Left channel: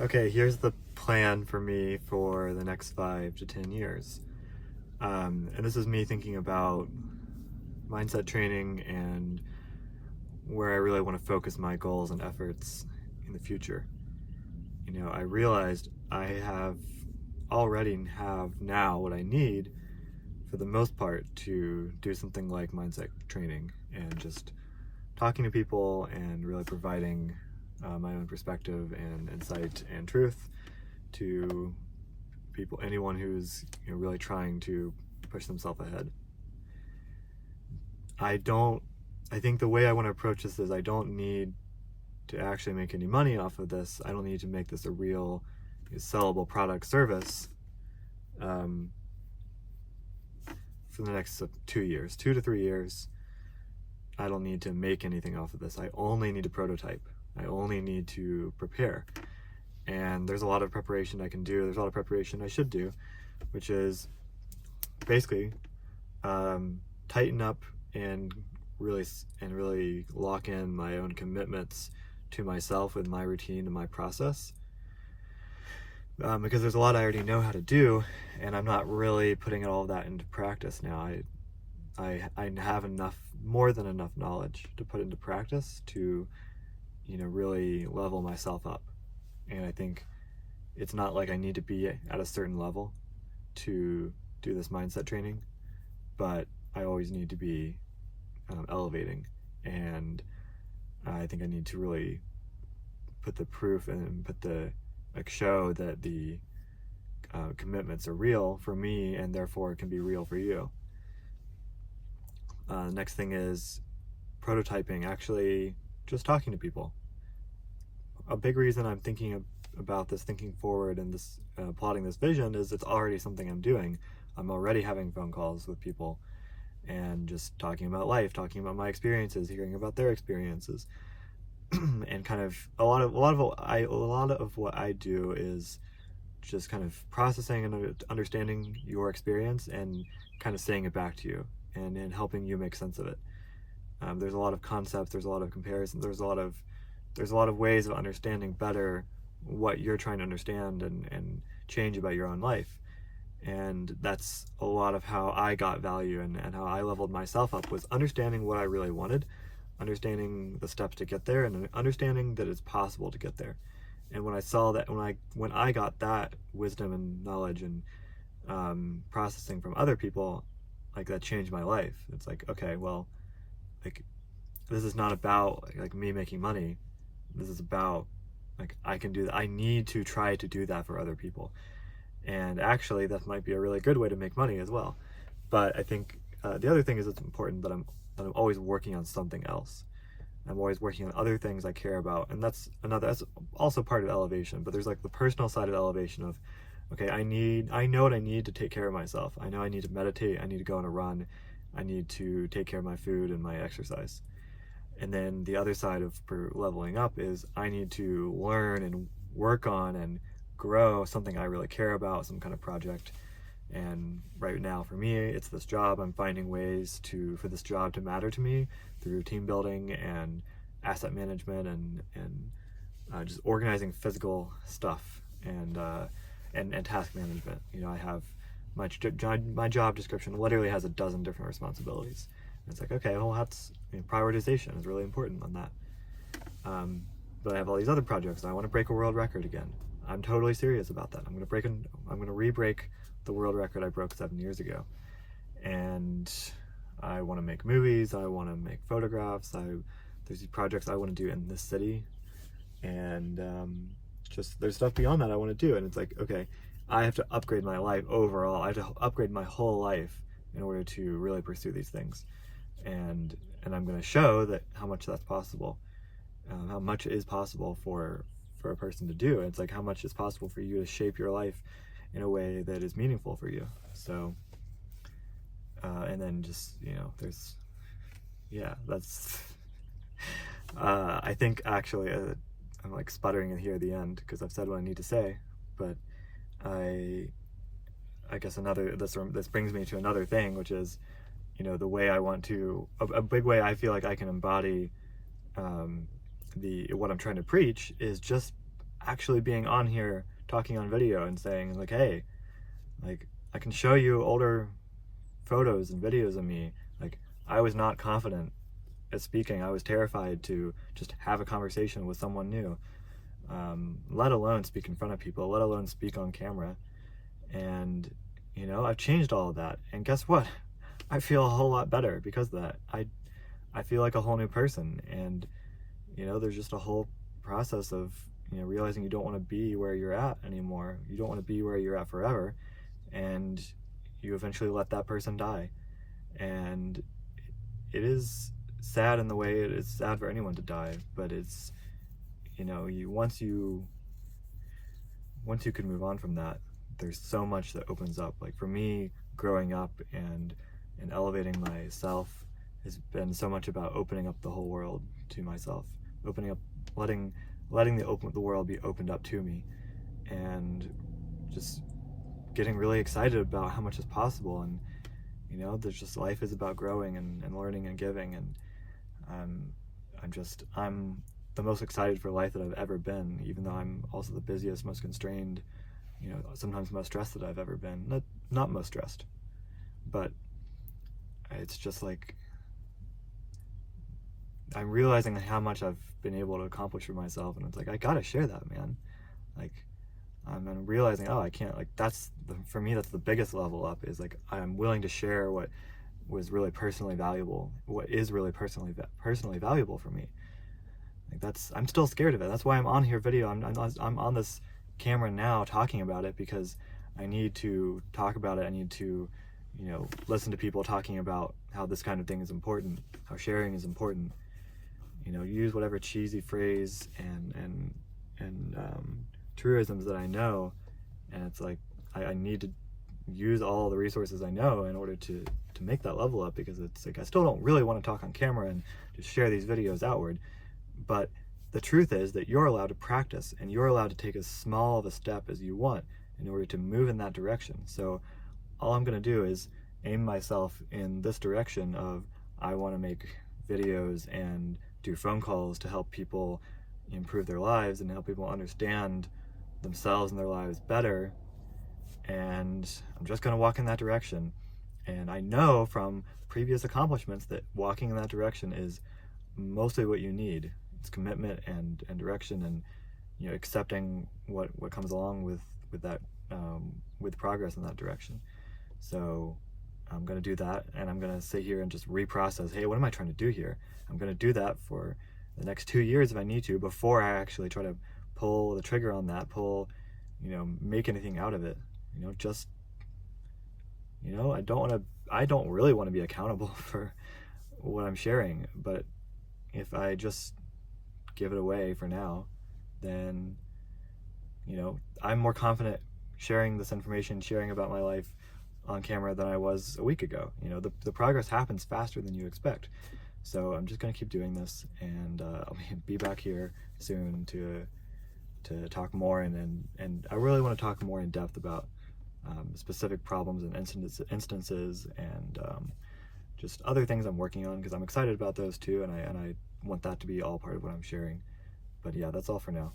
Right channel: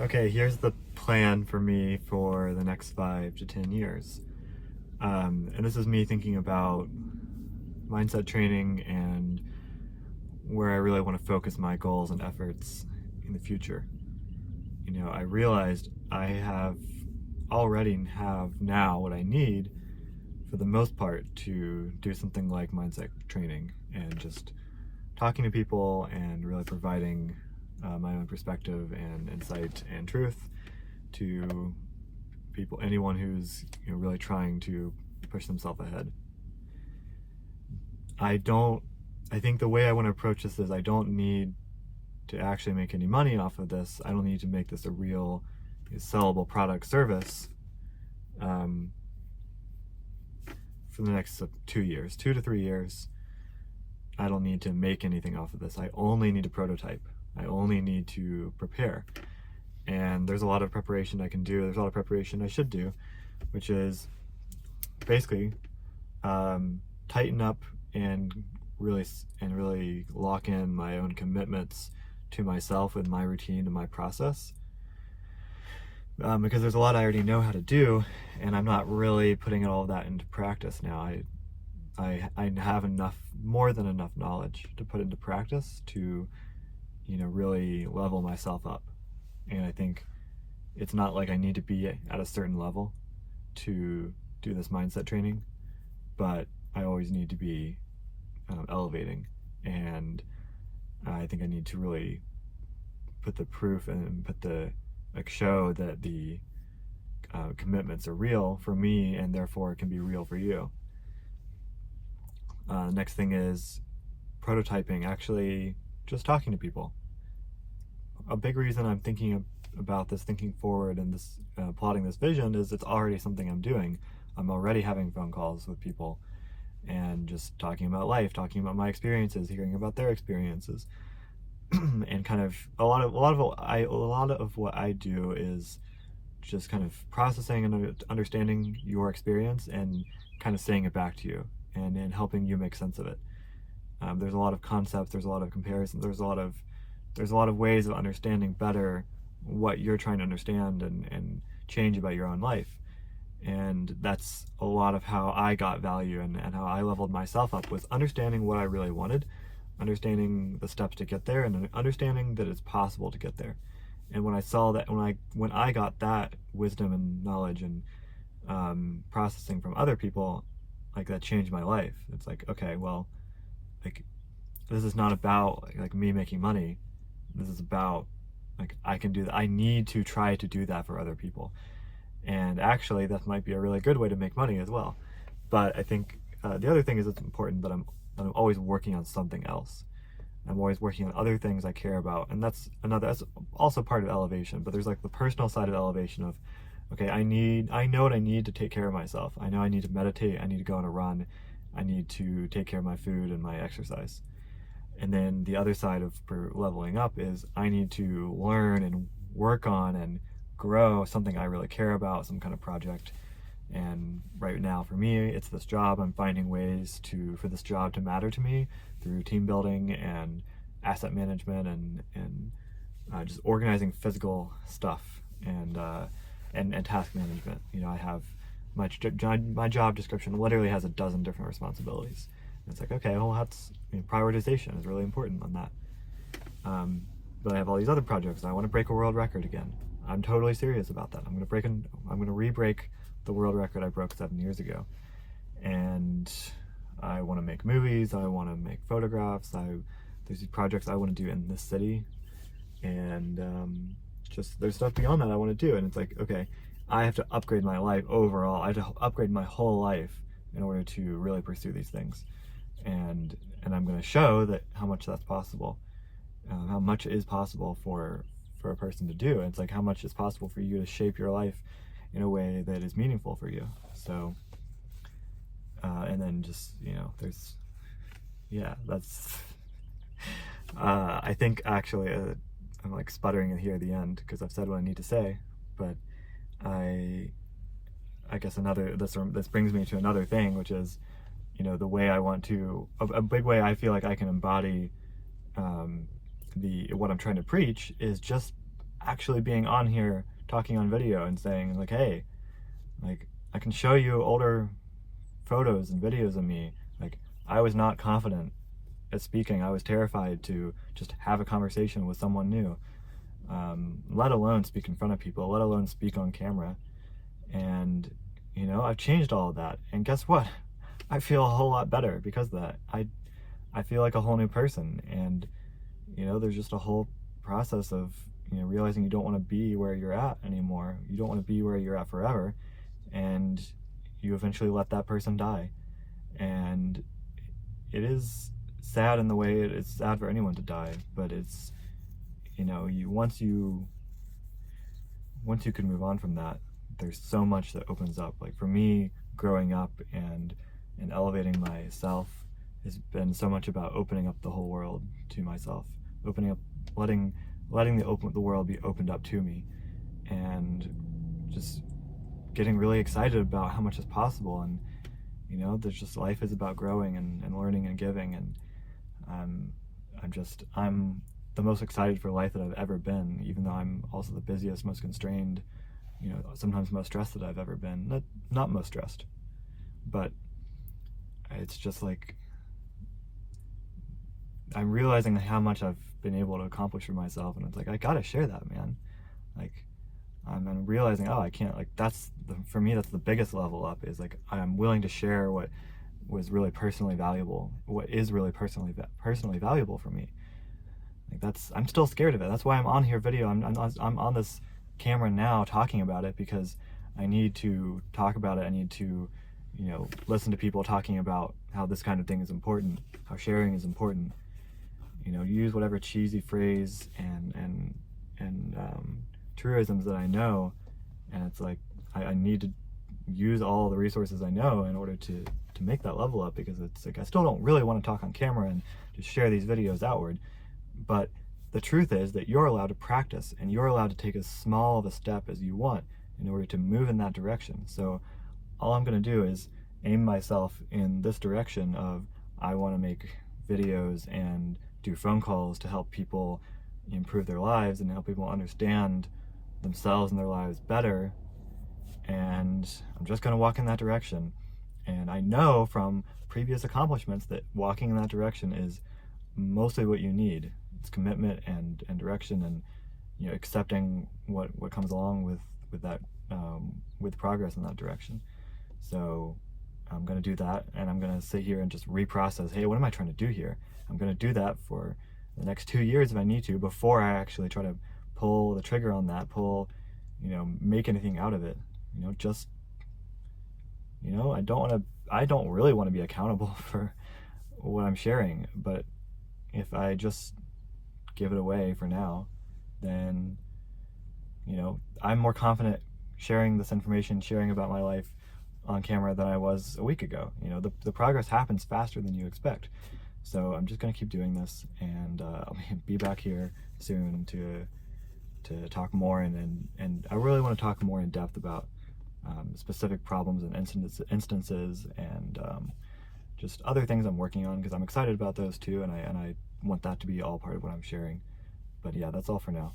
Okay, here's the plan for me for the next 5 to 10 years. And this is me thinking about mindset training and where I really want to focus my goals and efforts in the future. I realized I already have now what I need for the most part to do something like mindset training and just talking to people and really providing my own perspective and insight and truth to people, anyone who's really trying to push themselves ahead. I think the way I want to approach this is I don't need to actually make any money off of this. I don't need to make this a real sellable product service for the next 2 years, 2 to 3 years. I don't need to make anything off of this. I only need to prototype. I only need to prepare. And there's a lot of preparation I can do. There's a lot of preparation I should do, which is basically tighten up and really lock in my own commitments to myself with my routine and my process. Because there's a lot I already know how to do, and I'm not really putting all of that into practice now. I have more than enough knowledge to put into practice to, really level myself up. And I think it's not like I need to be at a certain level to do this mindset training, but I always need to be elevating. And I think I need to really put the proof and show that the commitments are real for me and therefore can be real for you. Next thing is prototyping, actually just talking to people. A big reason I'm thinking about this, thinking forward and this plotting this vision, is it's already something I'm doing. I'm already having phone calls with people and just talking about life, talking about my experiences, hearing about their experiences. And kind of a lot of what I do is just kind of processing and understanding your experience and kind of saying it back to you and helping you make sense of it. There's a lot of concepts, there's a lot of comparisons, there's a lot of ways of understanding better what you're trying to understand and change about your own life. And that's a lot of how I got value and how I leveled myself up, was understanding what I really wanted, understanding the steps to get there, and understanding that it's possible to get there. And when I saw that, when I got that wisdom and knowledge and processing from other people, like, that changed my life. It's like, okay, well, like, this is not about like me making money. This is about, like, I can do that. I need to try to do that for other people. And actually, that might be a really good way to make money as well. But I think the other thing is, it's important that I'm always working on something else. I'm always working on other things I care about, and that's also part of elevation. But there's like the personal side of elevation of, okay, I know what I need to take care of myself. I know I need to meditate, I need to go on a run, I need to take care of my food and my exercise. And then the other side of leveling up is I need to learn and work on and grow something I really care about, some kind of project. And right now for me, it's this job. I'm finding ways for this job to matter to me through team building and asset management and just organizing physical stuff and task management. I have my job description literally has a dozen different responsibilities. And it's like, okay, well, that's prioritization is really important on that. But I have all these other projects. I want to break a world record again. I'm totally serious about that. I'm going to re-break the world record I broke 7 years ago. And I want to make movies. I want to make photographs. There's these projects I want to do in this city. And just there's stuff beyond that I want to do. And it's like, okay, I have to upgrade my life overall. I have to upgrade my whole life in order to really pursue these things. And I'm going to show that how much that's possible, how much is possible for a person to do. It's like how much is possible for you to shape your life in a way that is meaningful for you. So and then just that's I think actually I'm like sputtering it here at the end because I've said what I need to say, but I guess this brings me to another thing, which is the way I want to, a big way I feel like I can embody what I'm trying to preach is just actually being on here talking on video and saying like, hey, like I can show you older photos and videos of me. Like I was not confident at speaking. I was terrified to just have a conversation with someone new, let alone speak in front of people, let alone speak on camera. And you know, I've changed all of that, and guess what? I feel a whole lot better because of that. I feel like a whole new person. And you know, there's just a whole process of, you know, realizing you don't want to be where you're at anymore. You don't want to be where you're at forever, and you eventually let that person die. And it is sad in the way it is sad for anyone to die, but it's, you know, once you can move on from that, there's so much that opens up. Like for me, growing up and elevating myself has been so much about opening up the whole world to myself, opening up, letting the world be opened up to me, and just getting really excited about how much is possible. And you know, there's just, life is about growing and learning and giving, and I'm the most excited for life that I've ever been, even though I'm also the busiest, most constrained, you know, sometimes most stressed that I've ever been. Not most stressed, but it's just like I'm realizing how much I've been able to accomplish for myself, and it's like I gotta share that, man. Like I'm realizing, oh, I can't, like for me that's the biggest level up, is like I'm willing to share what was really personally valuable, what is really personally valuable for me. Like I'm still scared of it. That's why I'm on here video. I'm on this camera now talking about it, because I need to talk about it. I need to, you know, listen to people talking about how this kind of thing is important, how sharing is important. You know, use whatever cheesy phrase and truisms that I know, and it's like I need to use all the resources I know in order to make that level up, because it's like I still don't really want to talk on camera and just share these videos outward. But the truth is that you're allowed to practice, and you're allowed to take as small of a step as you want in order to move in that direction. So all I'm going to do is aim myself in this direction of, I want to make videos and do phone calls to help people improve their lives and help people understand themselves and their lives better. And I'm just going to walk in that direction. And I know from previous accomplishments that walking in that direction is mostly what you need. It's commitment and direction, and you know, accepting what comes along with that, with progress in that direction. So I'm going to do that, and I'm going to sit here and just reprocess, hey, what am I trying to do here? I'm going to do that for the next 2 years if I need to, before I actually try to pull the trigger on that, you know, make anything out of it. You know, just, you know, I don't really want to be accountable for what I'm sharing, but if I just give it away for now, then, you know, I'm more confident sharing this information, sharing about my life on camera than I was a week ago. You know, the progress happens faster than you expect. So I'm just going to keep doing this, and I'll be back here soon to talk more, and I really want to talk more in depth about specific problems and instances and just other things I'm working on, because I'm excited about those too, and I want that to be all part of what I'm sharing. But yeah, that's all for now.